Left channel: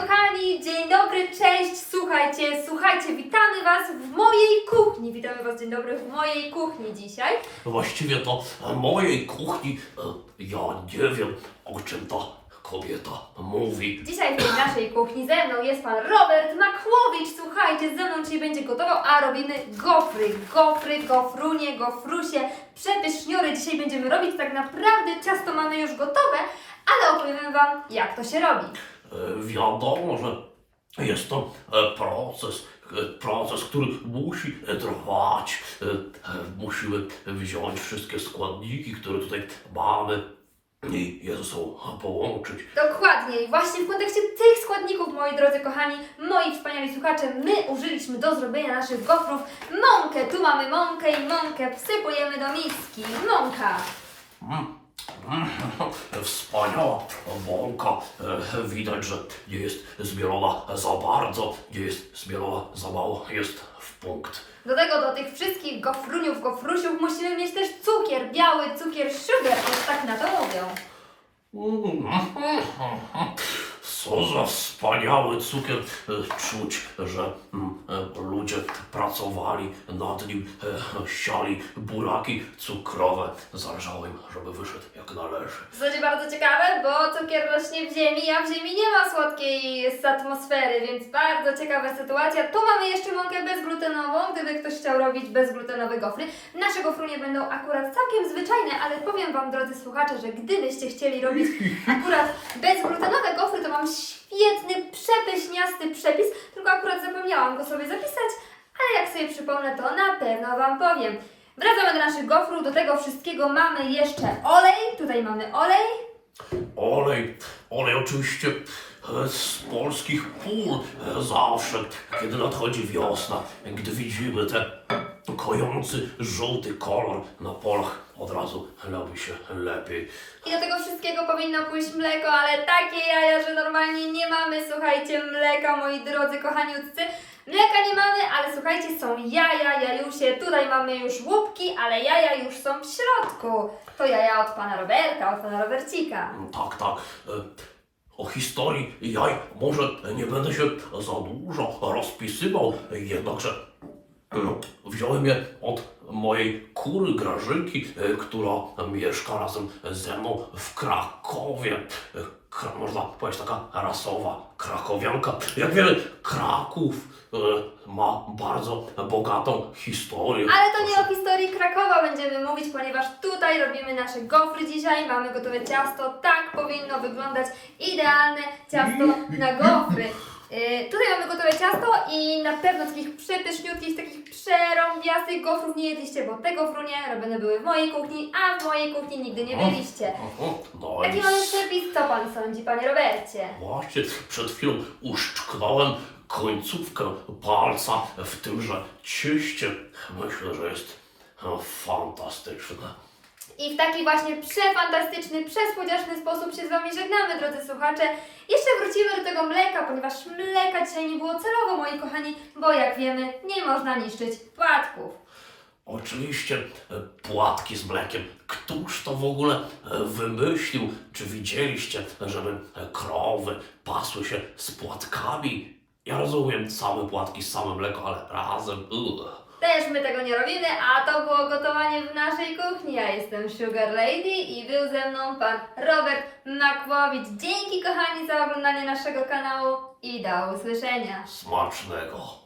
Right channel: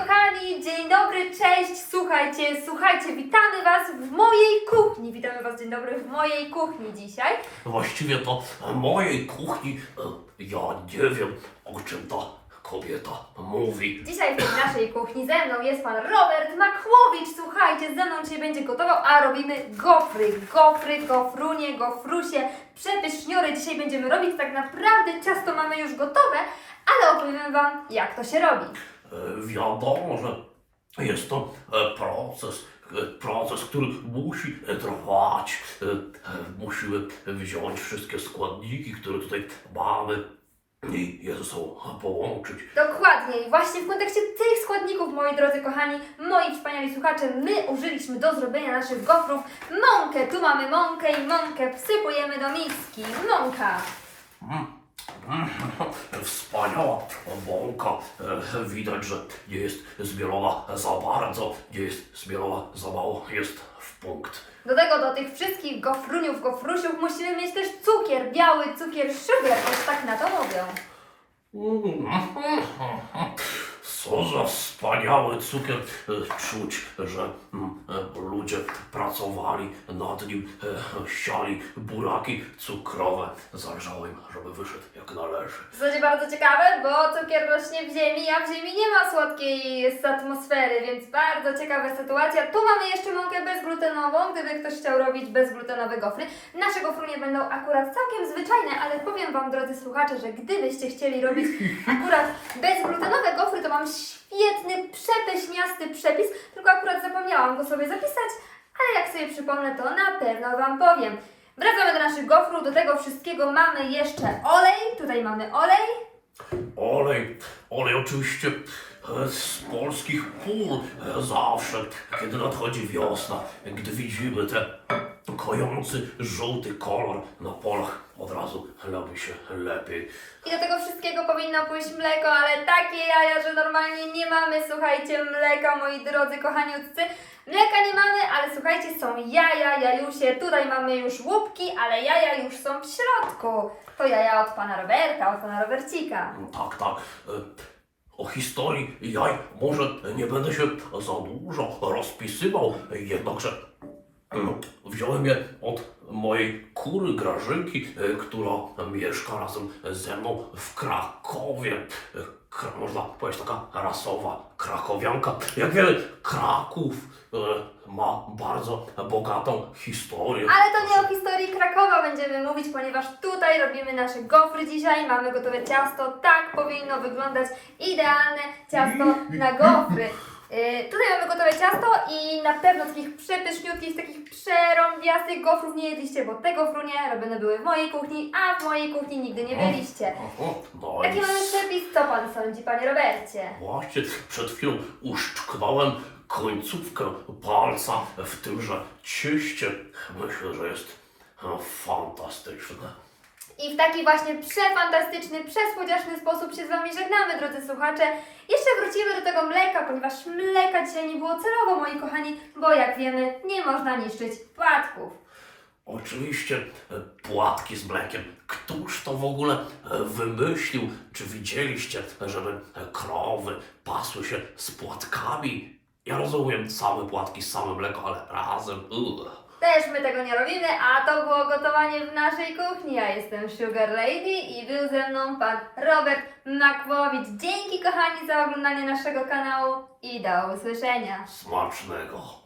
kochani, dzień dobry, cześć, słuchajcie, słuchajcie, witamy Was w mojej kuchni. Witamy Was, dzień dobry, w mojej kuchni dzisiaj. Właściwie to mojej kuchni e, ja nie wiem, o czym ta kobieta mówi. Dzisiaj w tej naszej kuchni ze mną jest Pan Robert Makłowicz. Słuchajcie, ze mną dzisiaj będzie gotował, a robimy gofry. Gofry, gofrunie, gofrusie, przepyszzniory. Dzisiaj będziemy robić tak naprawdę, ciasto mamy już gotowe, ale opowiemy Wam, jak to się robi. E, Wiadomo, że jest to e, proces, e, proces, który musi trwać. Musimy wziąć wszystkie składniki, które tutaj mamy i je ze sobą połączyć. Dokładnie. I właśnie w kontekście tych składników, moi drodzy kochani, moi wspaniali słuchacze, my użyliśmy do zrobienia naszych gofrów mąkę. Tu mamy mąkę i mąkę wsypujemy do miski. Mąka. Wspaniała bąka. E, Widać, że nie jest zmielona za bardzo, nie jest zmielona za mało, jest w punkt. Do tego, do tych wszystkich gofruniów, gofrusiów musimy mieć też cukier, biały cukier, sugar, już tak na to mówią. Co za wspaniały cukier. E, Czuć, że mm, e, ludzie pracowali nad nim, e, siali buraki cukrowe. Zależało im, żeby wyszedł jak należy. To będzie bardzo ciekawe, bo cukier rośnie w ziemi, a w ziemi nie ma słodkiej atmosfery, więc bardzo ciekawa sytuacja. Tu mamy jeszcze mąkę bezglutenową, gdyby ktoś chciał robić bezglutenowe gofry. Nasze gofrunie będą akurat całkiem zwyczajne, ale powiem Wam, drodzy słuchacze, że gdybyście chcieli robić akurat bezglutenowe świetny, przepyśniasty przepis, tylko akurat zapomniałam go sobie zapisać, ale jak sobie przypomnę, to na pewno Wam powiem. Wracamy do naszych gofrów, do tego wszystkiego mamy jeszcze olej, tutaj mamy olej, Olej, olej oczywiście e, z polskich pól. E, Zawsze, kiedy nadchodzi wiosna, gdy widzimy ten kojący żółty kolor na polach, od razu robi się lepiej. I do tego wszystkiego powinno pójść mleko, ale takie jaja, że normalnie nie mamy, słuchajcie, mleka, moi drodzy kochaniutcy. Mleka nie mamy, ale słuchajcie, są jaja, jajusie. Tutaj mamy już łupki, ale jaja już są w środku. To jaja od pana Roberta, od pana Robercika. Tak, tak. e, O historii jaj może nie będę się za dużo rozpisywał, jednakże wziąłem je od mojej kury Grażynki, e, która mieszka razem ze mną w Krakowie. E, można powiedzieć taka rasowa krakowianka. Jak wiele Kraków e, ma bardzo bogatą historię. Ale to nie o historii Krakowa będziemy mówić, ponieważ tutaj robimy nasze gofry dzisiaj. Mamy gotowe ciasto. Tak powinno wyglądać idealne ciasto na gofry. Yy, tutaj mamy gotowe ciasto i na pewno takich przepyszniutkich, takich przerąbiastych gofrów nie jedliście, bo te gofrunie robione były w mojej kuchni, a w mojej kuchni nigdy nie byliście. No Jaki i mamy przepis? Co Pan sądzi, Panie Robercie? Właśnie przed chwilą uszczknąłem końcówkę palca w tymże cieście. Myślę, że jest e, fantastyczne. I w taki właśnie przefantastyczny, przesłodziaszny sposób się z Wami żegnamy, drodzy słuchacze. Jeszcze wrócimy do tego mleka, ponieważ mleka dzisiaj nie było celowo, moi kochani, bo jak wiemy, nie można niszczyć płatków. Oczywiście e, płatki z mlekiem. Któż to w ogóle e, wymyślił? Czy widzieliście, żeby krowy pasły się z płatkami? Ja rozumiem same płatki, same mleko, ale razem. Ugh. Też my tego nie robimy, a to było gotowanie w naszej kuchni. Ja jestem Sugar Lady i był ze mną pan Robert Makłowicz. Dzięki kochani za oglądanie naszego kanału i do usłyszenia. Smacznego.